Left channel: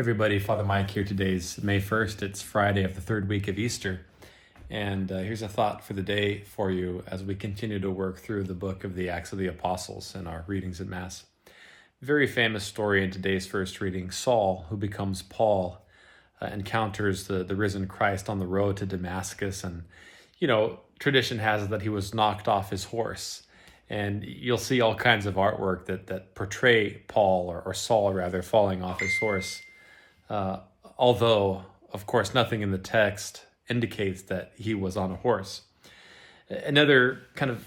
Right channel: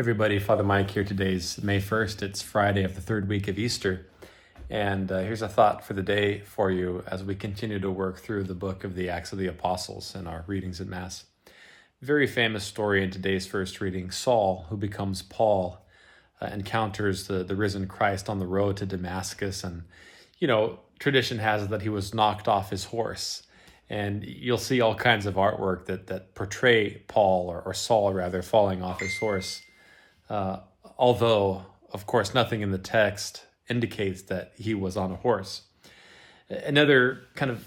Everybody, Father Mike here. Today's May 1st. It's Friday of the third week of Easter. And here's a thought for the day for you as we continue to work through the book of the Acts of the Apostles in our readings at Mass. Very famous story in today's first reading. Saul, who becomes Paul, encounters the risen Christ on the road to Damascus. And, tradition has it that he was knocked off his horse. And you'll see all kinds of artwork that portray Paul, or Saul rather, falling off his horse. Although, of course, nothing in the text indicates that he was on a horse. Another kind of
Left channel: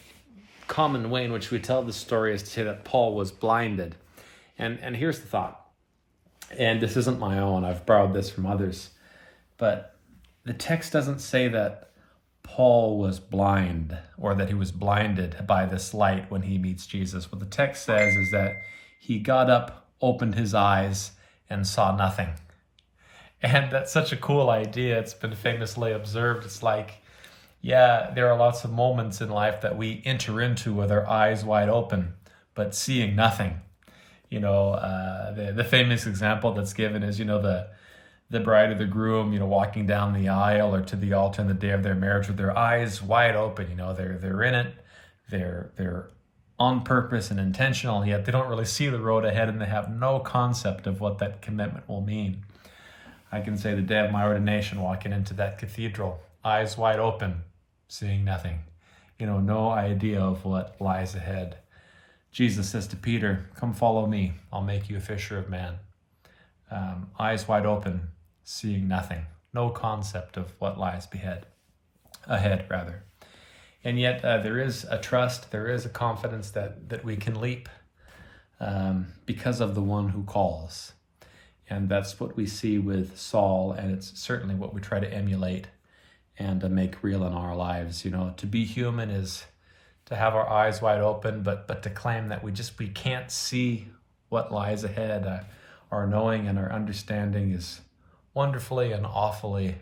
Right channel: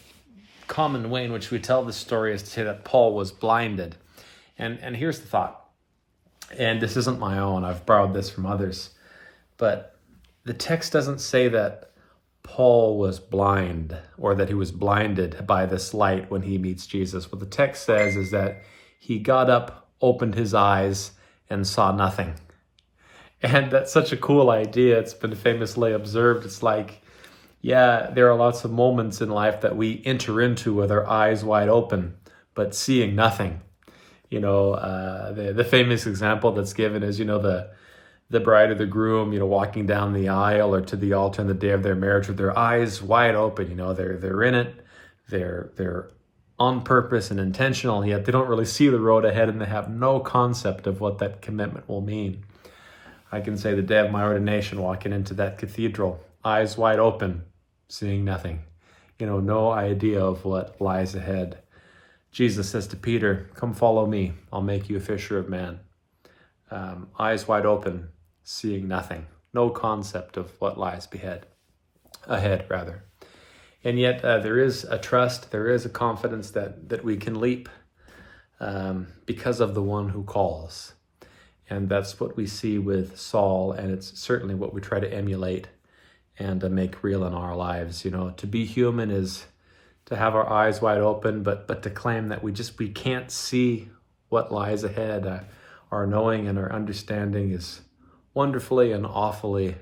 common way in which we tell this story is to say that Paul was blinded. And here's the thought, and this isn't my own, I've borrowed this from others, but the text doesn't say that Paul was blind or that he was blinded by this light when he meets Jesus. What the text says is that he got up, opened his eyes, and saw nothing. And that's such a cool idea. It's been famously observed. It's like, there are lots of moments in life that we enter into with our eyes wide open, but seeing nothing. The famous example that's given is, the bride or the groom, walking down the aisle or to the altar on the day of their marriage with their eyes wide open. They're in it. They're on purpose and intentional, yet they don't really see the road ahead and they have no concept of what that commitment will mean. I can say the day of my ordination, walking into that cathedral, eyes wide open, seeing nothing. No idea of what lies ahead. Jesus says to Peter, "Come follow me, I'll make you a fisher of men." Eyes wide open, seeing nothing. No concept of what lies ahead. And yet there is a trust, there is a confidence that we can leap because of the one who calls. And that's what we see with Saul, and it's certainly what we try to emulate and make real in our lives. To be human is to have our eyes wide open, but to claim that we can't see what lies ahead. Our knowing and our understanding is wonderfully and awfully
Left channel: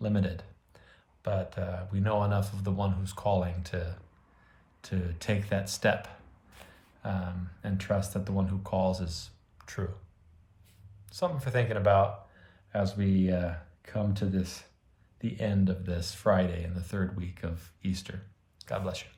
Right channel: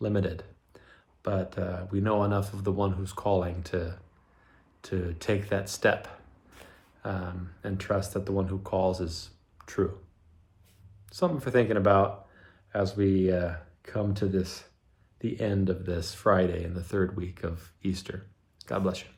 limited. But we know enough of the one who's calling to take that step and trust that the one who calls is true. Something for thinking about as we come to the end of this Friday in the third week of Easter. God bless you.